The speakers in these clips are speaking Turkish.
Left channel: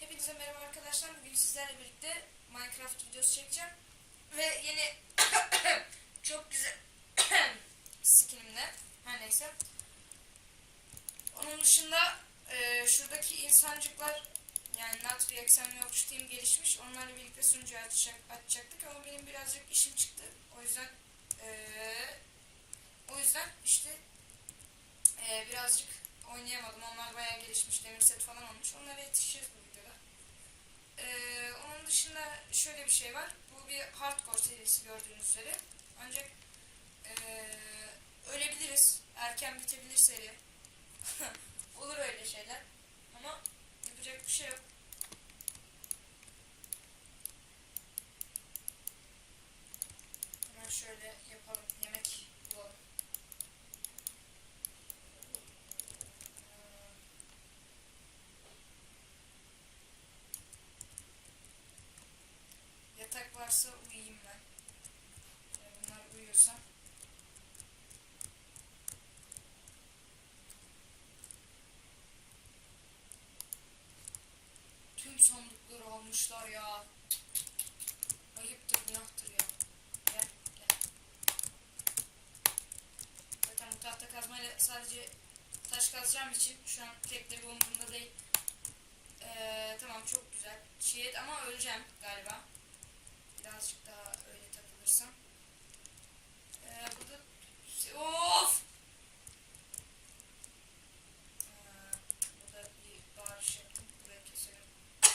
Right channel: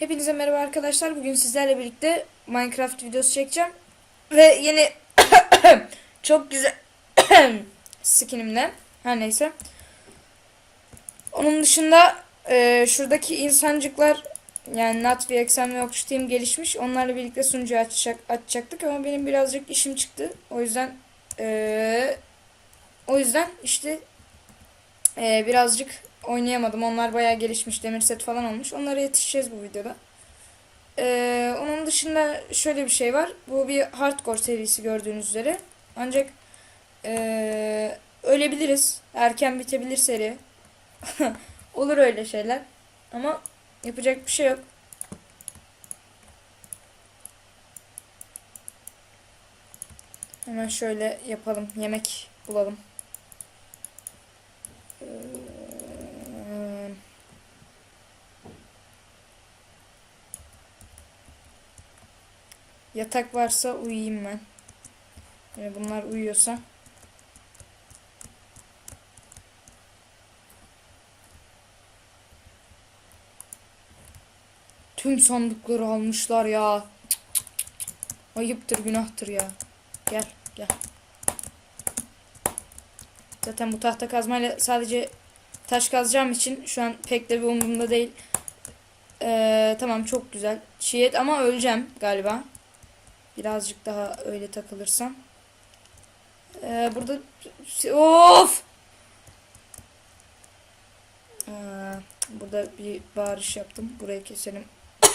Hepinize merhaba arkadaşlar. Bugün sizlerle birlikte Minecraft videosu çekeceğim. Ve yeni çok güzel skinimle. Her neyse. Onun dışında e, şuradaki insancıklar yani Nat ve Eksen ve Okçu Team gelişmiş. Onlarla birlikte sunucuyu açacak, açacaktık ama benim birazcık işim çıktı. O yüzden e, o yüzden işte e, birazcık oynayamadım. Onlar bayağı gelişmiş. Demir set falan olmuş. Onlara yetişeceğiz bu videoda. Ee, onun dışında şöyle bir şey var. Bu bir hardcore serisi gördüğünüz üzere. Ancak ee, ölebiliriz. Erken bitebilir seri. Olur öyle şeyler. Ama yapacak bir şey yok. Hemen şöyle yapalım. Yemek bulalım. Ee, Yatak varsa uyuyayım ben. Yani bunlar uyuyorsa. Tüm sandıkları almışlar ya. Ayıptır günahtır ya. Gel gel. Zaten bu tahta kazmayla sadece taş kazacağım için şu an pek de bir umurumda değil. Ee, tamam çok güzel. Çiğ et ama öleceğim galiba. Birazcık daha öyle takılırsam. Ee, burada of. Ee, burada bir bağırış yaptım. Burayı keselim.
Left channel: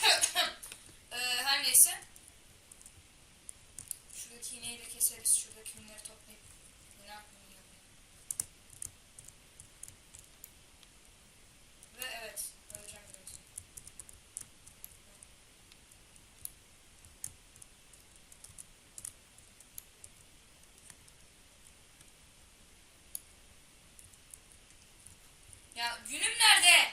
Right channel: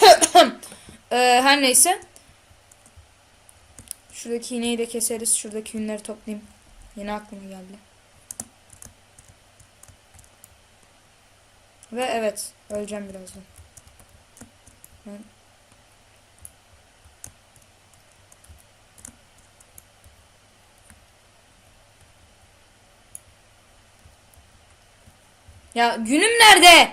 ee, her neyse. Şuradaki iğneyi de keseriz. Şuradaki yünleri toplayayım. Yeni aklıma geldi. Ve evet. Öleceğim birazdan. Ben Ya günüm nerede?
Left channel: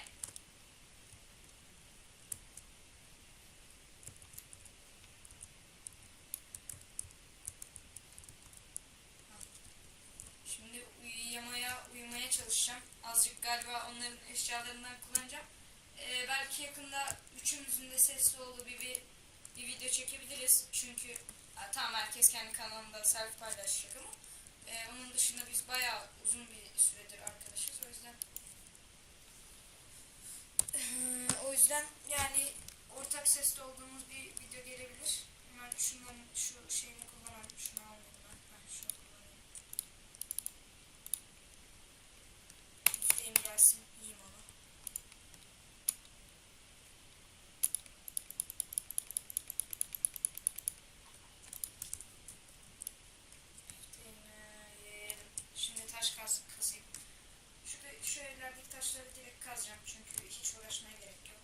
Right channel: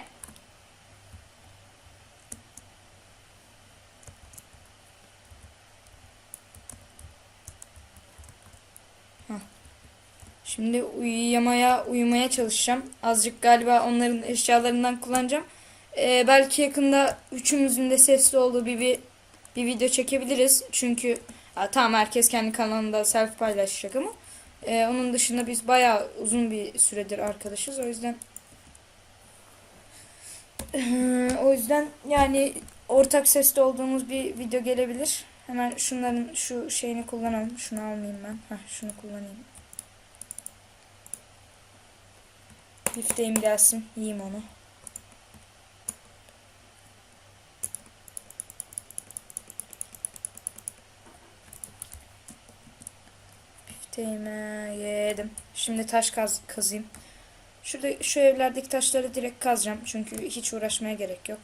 Şimdi uyuyamaya uyumaya çalışacağım. Azıcık galiba onların eşyalarından kullanacağım. Ee, belki yakında üçümüzün de sesli olduğu bir, bir bir video çekebiliriz. Çünkü ha, tamam herkes kendi kanalında self paylaşacak ama e, onun dışında biz bayağı uzun bir süredir arkadaşız. O yüzden ee, o yüzden yani ortak sesli olduğumuz bir video gelebilir. Hemen şunların şu şeyini kullanalım. Şunu almayayım ben. Heh, şunu kullanayım. Bifteğim gelsin. Yiyeyim onu. Bifteğimi yedim. Şimdi taş kaz kazayım. Şurada şu evlerdeki taşları direkt kazacağım. Çünkü hiç uğraşmaya gerek yok.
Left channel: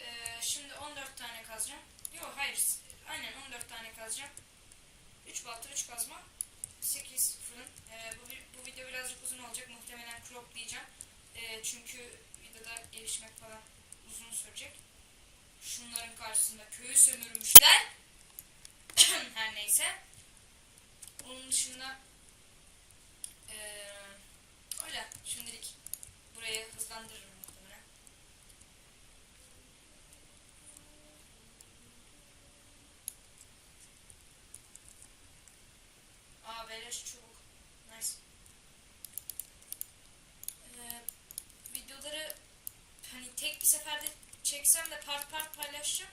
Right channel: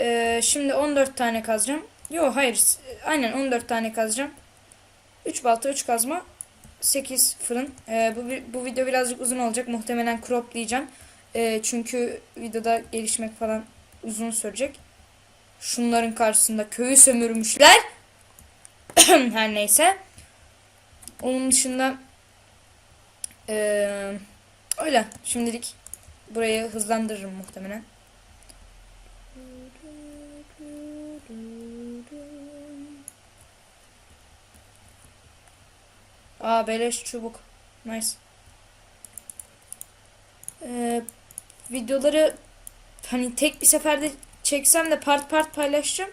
Ee, şimdi 14 tane kazacağım. Yok hayır. Aynen 14 tane kazacağım. 3 balta 3 kazma. 8 fırın. Ee, bu, bu video birazcık uzun olacak. Muhtemelen croplayacağım. Ee, çünkü videoda gelişmek falan uzun sürecek. Şunların karşısında köyü sömürmüşler. Her neyse. Onun dışında eee Öyle. Şimdilik burayı hızlandırırım muhtemelen. Aa beleş çubuk. Nice. Ee, videoları hani tek bir seferde çeksem de part part paylaşacağım.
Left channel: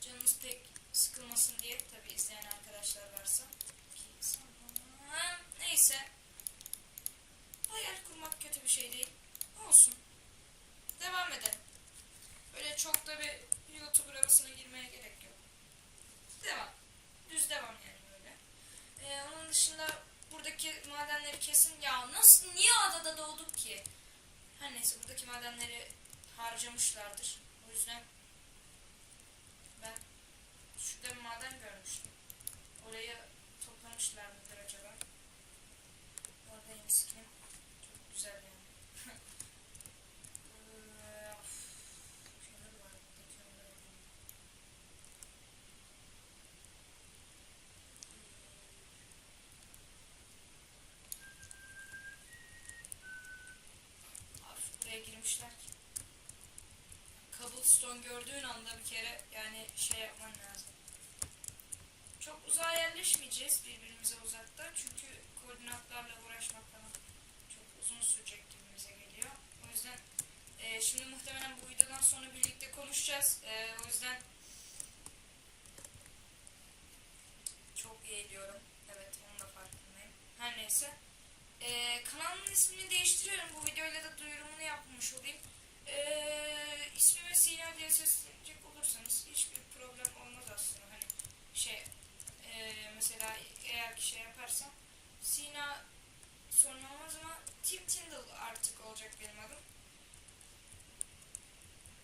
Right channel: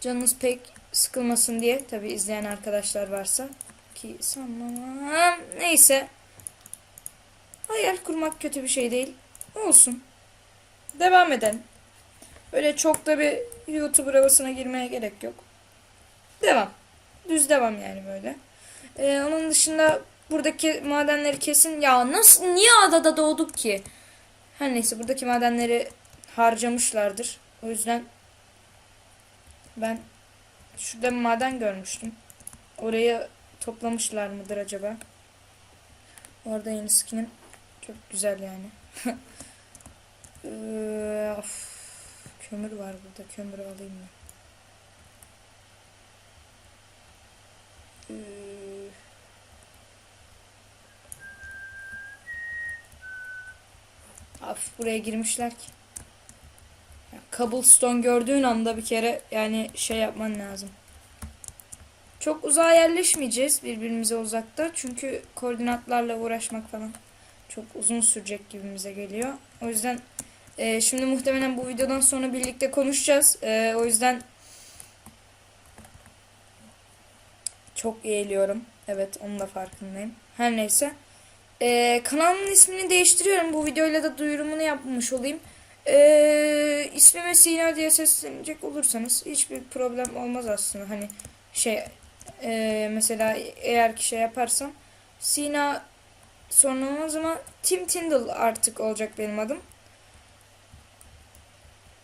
Canınız pek sıkılmasın diye. Tabi izleyen arkadaşlar varsa. Ki sanmam. Neyse. Hayal kurmak kötü bir şey değil. Olsun. Devam edelim. Böyle çok da bir YouTuber havasına girmeye gerek yok. Devam. Düz devam yani böyle. Ee, onun dışında buradaki madenleri kesin. Ya nasıl niye adada doğduk ki? Her neyse buradaki madenleri harcamışlardır. O yüzden ben şurada maden görmüştüm. Orayı toplamışlar mıdır acaba? Orada yeni skinim çok güzel yani. ee, of. Kömür var burada. Kömür alayım mı? Ee, of, buraya girmişler ki. Ya, cobblestone gördüğün anda bir kere yani şey yapman lazım. Çok uzağa yerleşmeyeceğiz birbirimize uzakta. Çünkü koordinatlarla uğraşmak falan çok uzun sürecek gibimize geliyor. O yüzden e, şimdi muhtemelen bu videodan sonra birlikte konuşacağız. E, o yüzden çok eğiliyorum. Evet onun da farkındayım. Her neyse. E, kanalımın ismini değiştiriyorum. Bu videoyla da duyurumunu yapmış olayım. E, ismime Sina diye seslenecek olursanız hiçbir problem olmaz aslında. Hani şey e, mesela eğer ki şey yaparsam Sina sonra olmaz ama Tim Tindall artık olacak benim adım.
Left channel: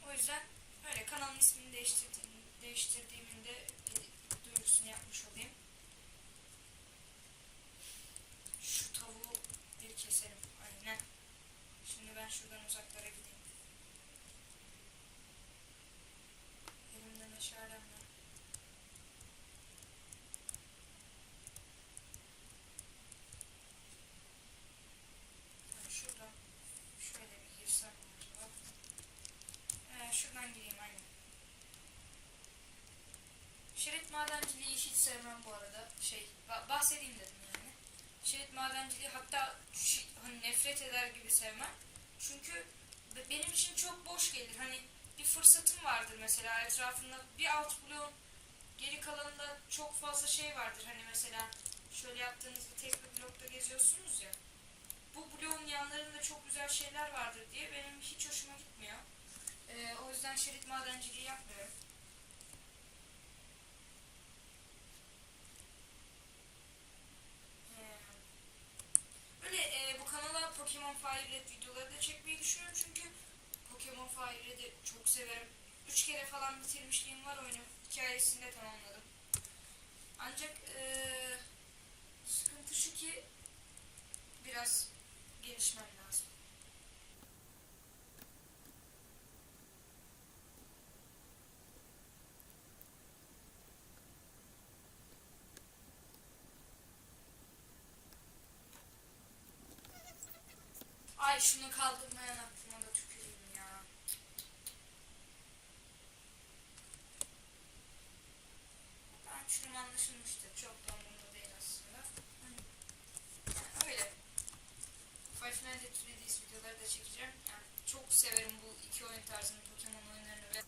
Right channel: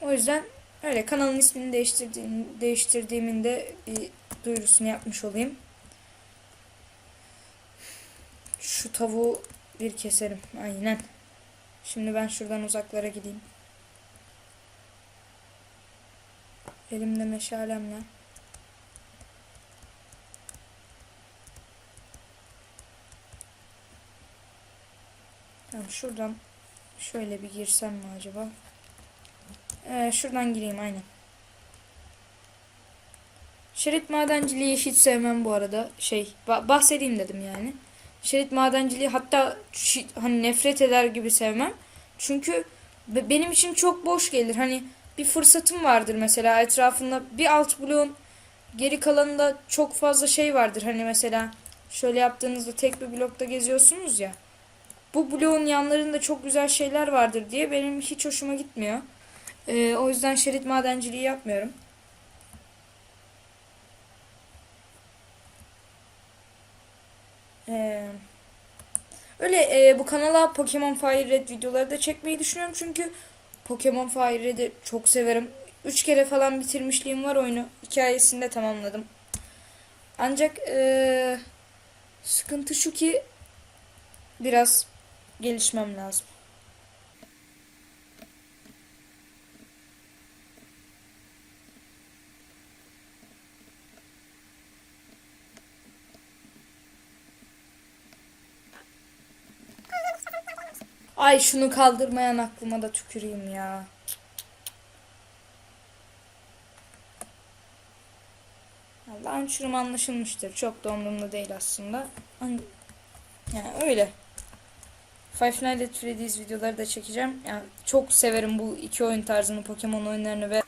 O yüzden öyle kanalın ismini değiştirdiğim, değiştirdiğimin de bir duyurusunu yapmış olayım. Şu tavuğu bir keserim. Aynen. Şimdi ben şuradan uzaklara gideyim. Elimde meşalemle. Şuradan şöyle bir girsem mi acaba? Ee, şuradan gireyim aynen. Şerit madenciliği hiç sevmem bu arada. Şey ba- bahsedeyim dedim yani. Şerit madenciliği hatta hani nefret eder gibi sevmem. Çünkü be- benim için çok boş gelir. Hani bir fırsatım vardır mesela etrafında bir alt bloğun geri kalanında çok fazla şey vardır. Hani mesela şöyle yaptığınızda tek bir blokta geziyorsunuz ya. Bu bloğun yanlarında çok güzel şeyler vardır diye benim hiç hoşuma gitmiyor. Ee, o yüzden şerit madenciliği yapmıyorum. Ee, öyle e, bu kanala Pokemon Fire Red videoları da çekmeyi düşünüyorum çünkü Pokemon Fire Red'i çok severim. Üç kere falan bitirmişliğim var oyunu. Hikayesini de tamamladım. Ancak e, sıkıntı şu ki biraz gelişmem lazım. Ay şunu kaldırmayan aklıma da tüküreyim ya. Launcher'ım anlaşılmıştır. Çok da umurumda değil aslında. An- Yani öyle. Five Nights at Freddy's videoları da çekeceğim. Yani çok severim bu iki oyun tarzını, Pokemon oyunlarını ve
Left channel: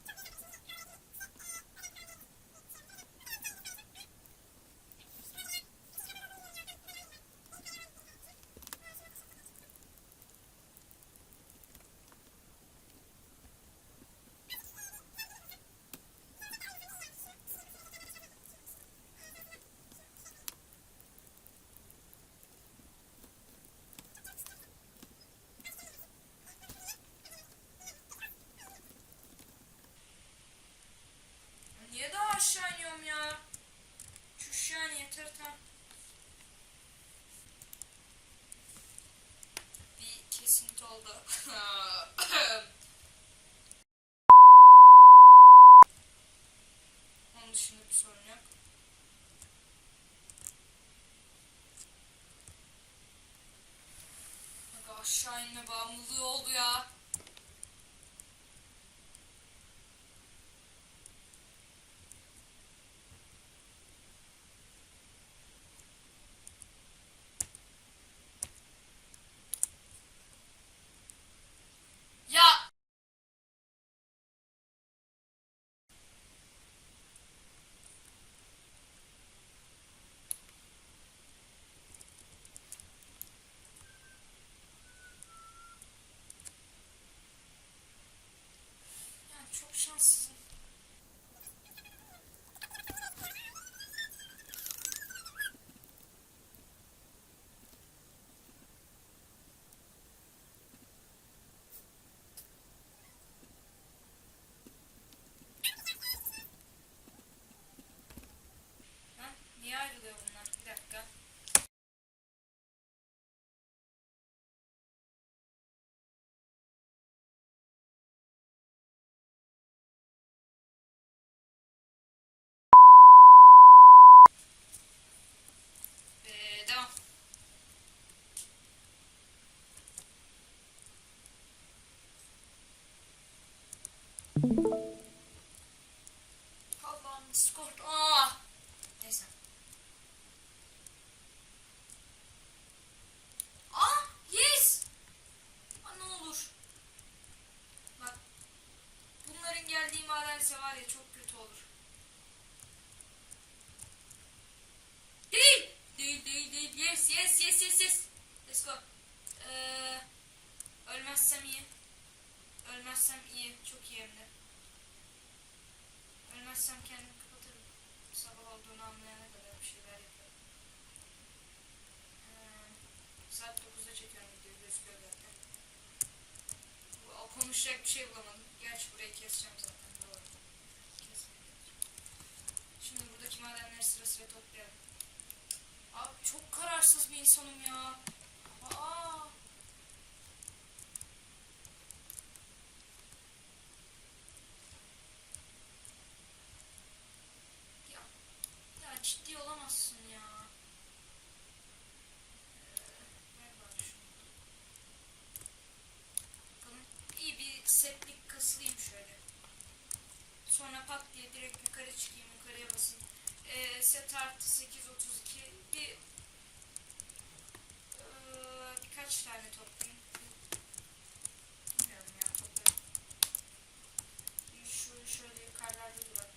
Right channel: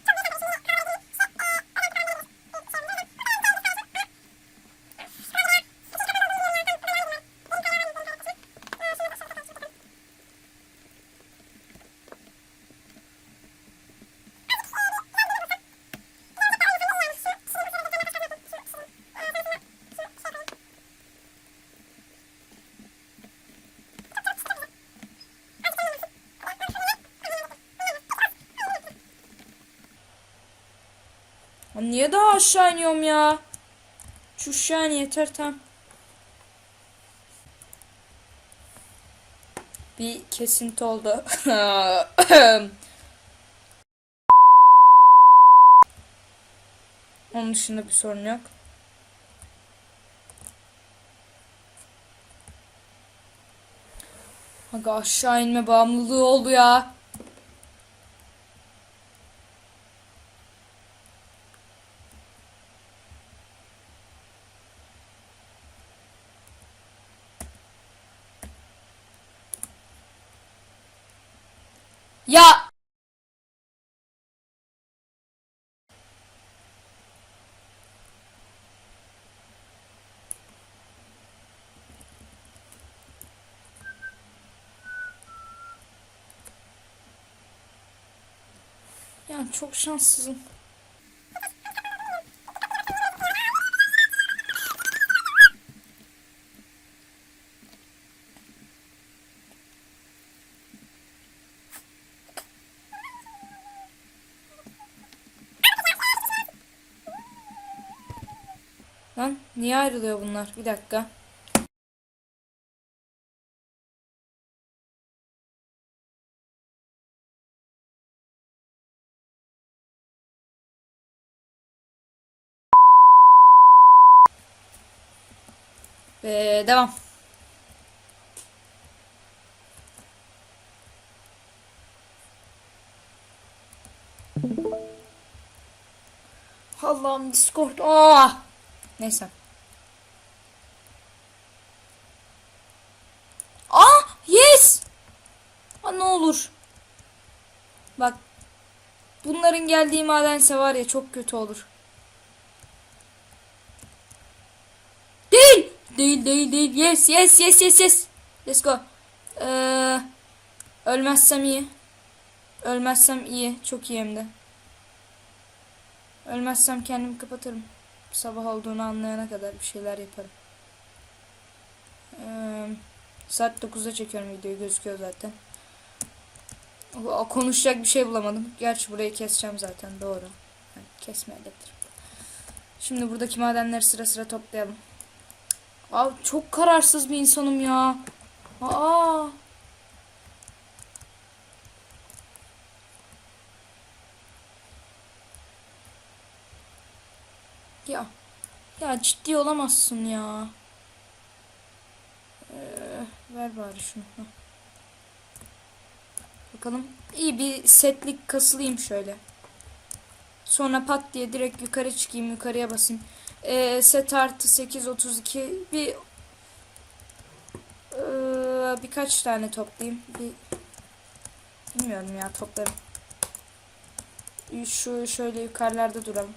Ya niye daha aşağı iniyorum ya? Şu yani yeter tam. Bir kesinti oldu. Onun dışında bir sorun yok. Aga aşağı inme bağımlılığı oldu ya. Ya Yani çok şanssızım. Niye ayrılıyor bunlar? Bir dakika. Ee, devam. Allah'ım Discord. Ah. Neyse. Ah yes. Aa, ne olur. Bak. Bunların geldiği madense var ya çok kötü olur. Değil. Değil değil değil. Yes yes yes yes yes. Let's go. Ee, ölmezsem iyi. Ölmezsem iyi. Çok iyi hem de. Ölmezsem kendimi kapatırım. Sabah olduğunu anlayana kadar bir şeyler yaparım. Ee, saat 9'da çekiyorum videoyu gözüküyor zaten. Konuşacak bir şey bulamadım. Gerçi burayı keseceğim zaten doğru. Kesme elektrik. Şimdi buradaki madenleri sıra sıra toplayalım. Abi çok kararsız bir insanım ya. Aa. Ya. Ya ciddi olamazsın ya. Ee, ver bari şunu. Bakalım. İyi bir setlik kasılayım şöyle. Sonra pat diye direkt yukarı çıkayım. Yukarıya basayım. Ee, set artı 8 32 bir ee, birkaç tane toplayayım. Bir bilmiyorum ya toplarım. Şu şöyle yukarılarda duralım.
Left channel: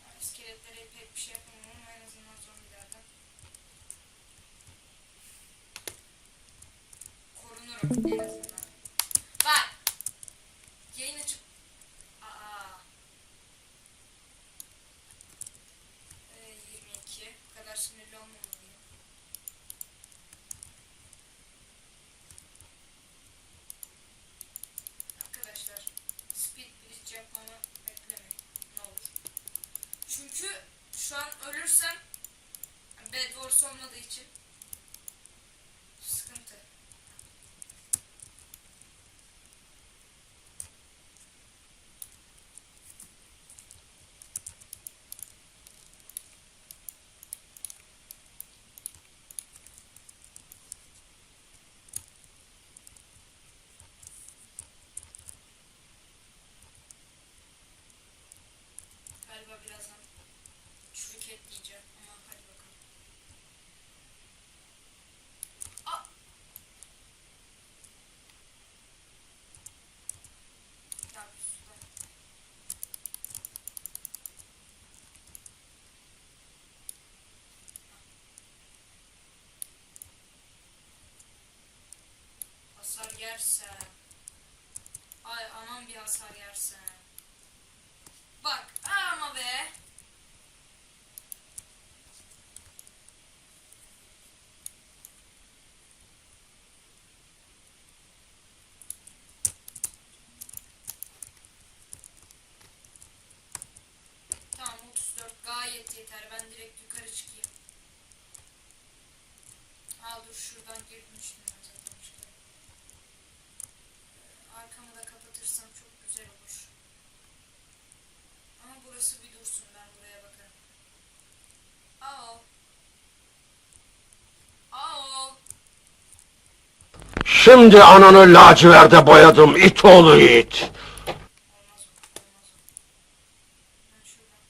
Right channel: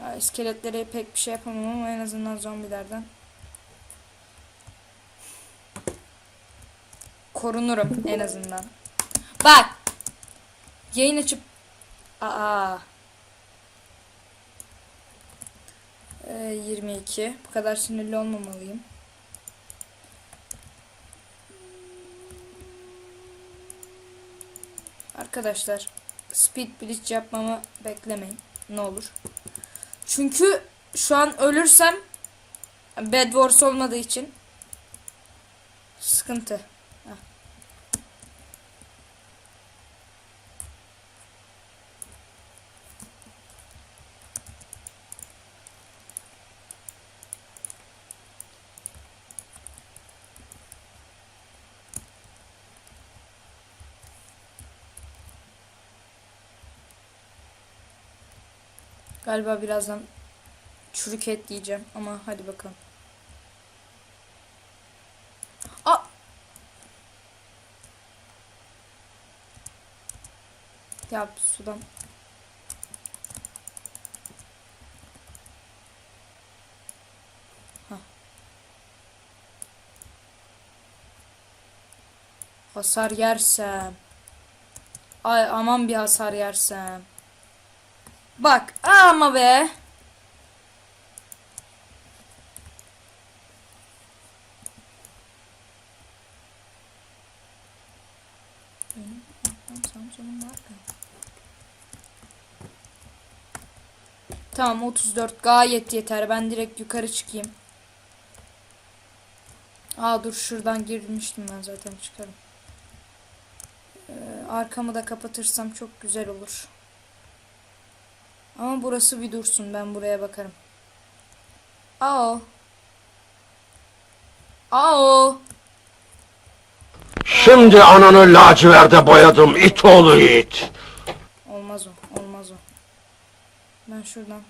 Ya, iskeletlere pek bir şey yapamam ama en azından zombilerden. Korunurum en azından. Bak. Yayın açıp Aa. Ee, 22. Bu kadar sinirli olmamalıyım. Arkadaşlar speed bridge yapmamı beklemeyin. Ne olur. Çünkü şu an ölürsem Bed Wars olmadığı için sıkıntı. Heh. Galiba birazdan çürük et yiyeceğim ama hadi bakalım. Aa! Ya sudan. Hasar yersem. Ay aman bir hasar yersem. Bak ama be. Tamam 34 gayet yeter. Ben direkt yukarı çıkayım. Aa dur şuradan girmiştim ben zaten çıkarım. Ee, arkamı da kapatırsam çok güzel olur. Ama burası bir dursun. Ben buraya bakarım. Aa. Aa. Şimdi ananı laciverde boyadım it oğlu it. Olmaz o. Olmaz o. Ben şuradan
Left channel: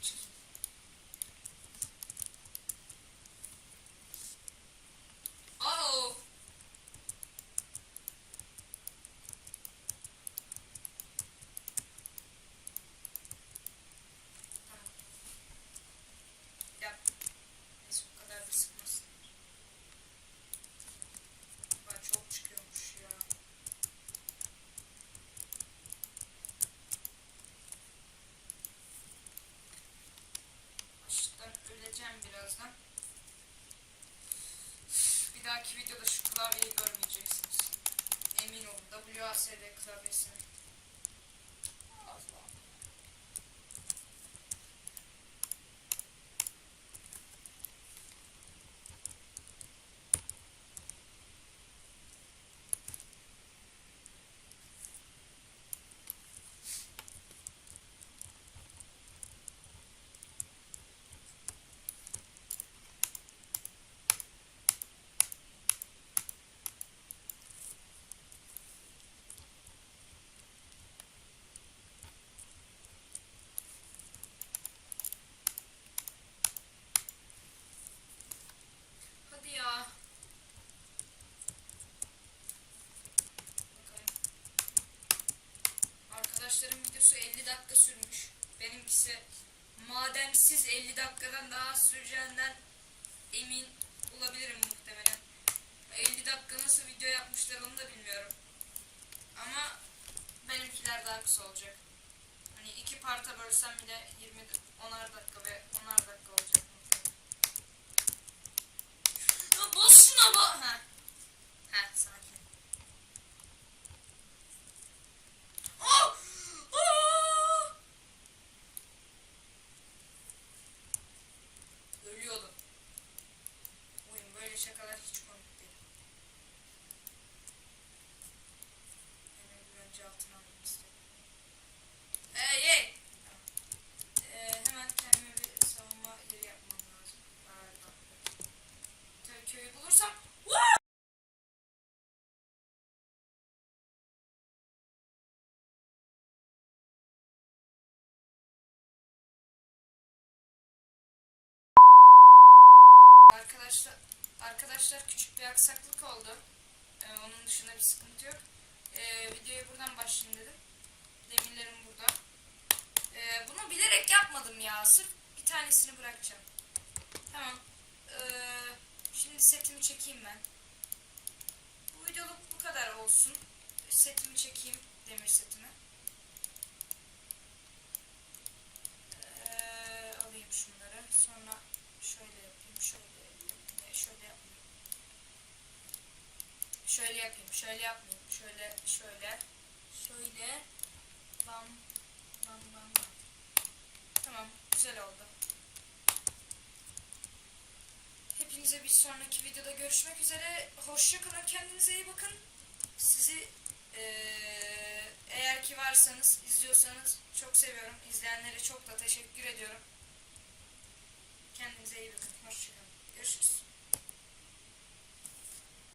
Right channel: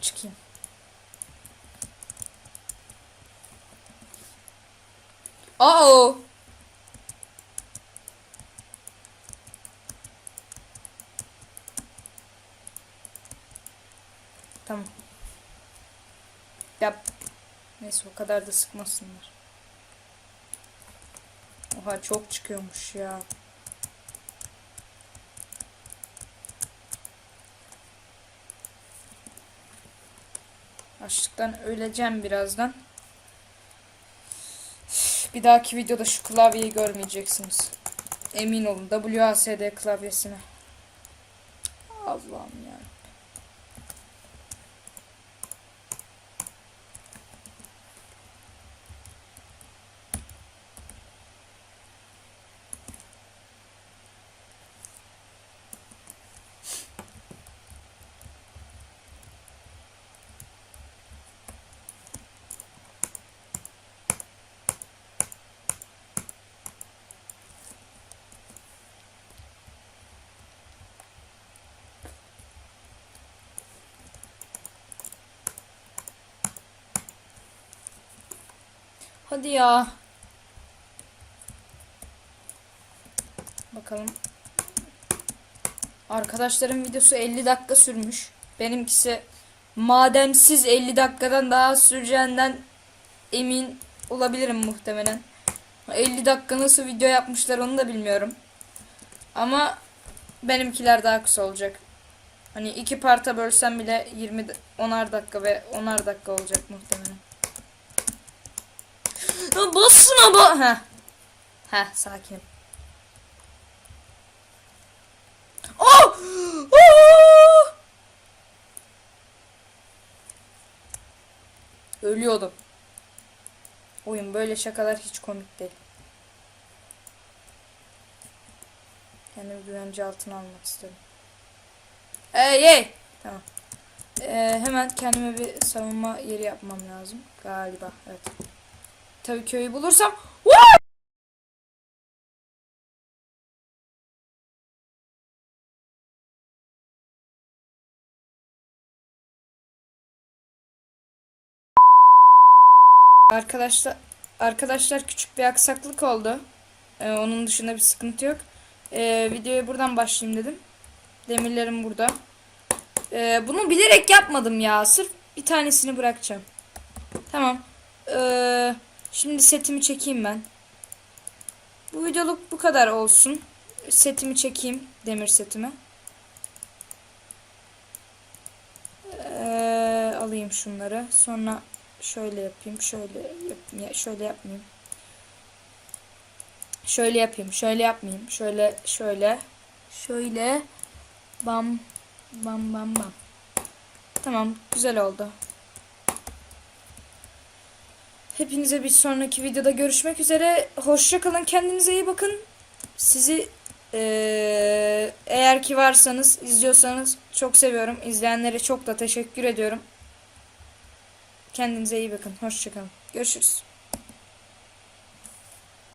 çıkayım. Aa. Tamam. Yap. Neyse o kadar da sıkmasınlar. Oha çok çıkıyormuş ya. Açlıktan öleceğim birazdan. Bir dahaki videoda şu klavyeyi görmeyeceksiniz. Emin olun. WASD klavyesine. Allah'ım ya. Hadi ya. Bakalım. Arkadaşların videosu 50 dakika sürmüş. Benimkisi madensiz 50 dakikadan daha süreceğinden emin olabilirim muhtemelen. 50 dakika nasıl video yapmışlar onu da bilmiyorum. Ama benimkiler daha kısa olacak. Hani iki parta bölsem bile 20 da- 10'ar dakika ve 10'ar dakika olacak muhtemelen. Bassın ama. Heh. Heh sakin. Oh! Oh! Ölüyordum. Oyun böyle şakalar hiç komik değil. Kendimi güvence altına almak istedim. Ey ey! Tamam. Ee, hemen kendime bir savunma yeri yapmam lazım. Galiba. Evet. Tabii köyü bulursam. Arkadaşlar arkadaşlar küçük bir aksaklık oldu. Ee, onun dışında bir sıkıntı yok. Ee, videoya buradan başlayayım dedim. Demirlerim burada. Ee, bunu bilerek yapmadım ya. Sırf bir tanesini bırakacağım. Tamam. Ee, şimdi setimi çekeyim ben. Bu videoluk bu kadar olsun. Setimi çekeyim. Demir setimi. Ee, alayım şunları. Sonra şöyle yapayım. Şöyle yap ya şöyle yapmayayım. Şöyle yapayım. Şöyle yapmayayım. Şöyle şöyle şöyle bam bam bam bam. Tamam, güzel oldu. Hepinize bir sonraki videoda görüşmek üzere. Hoşça kalın. Kendinize iyi bakın. Sizi eğer ki varsanız, izliyorsanız çok seviyorum. İzleyenlere çok da teşekkür ediyorum. Kendinize iyi bakın. Hoşça kalın. Görüşürüz.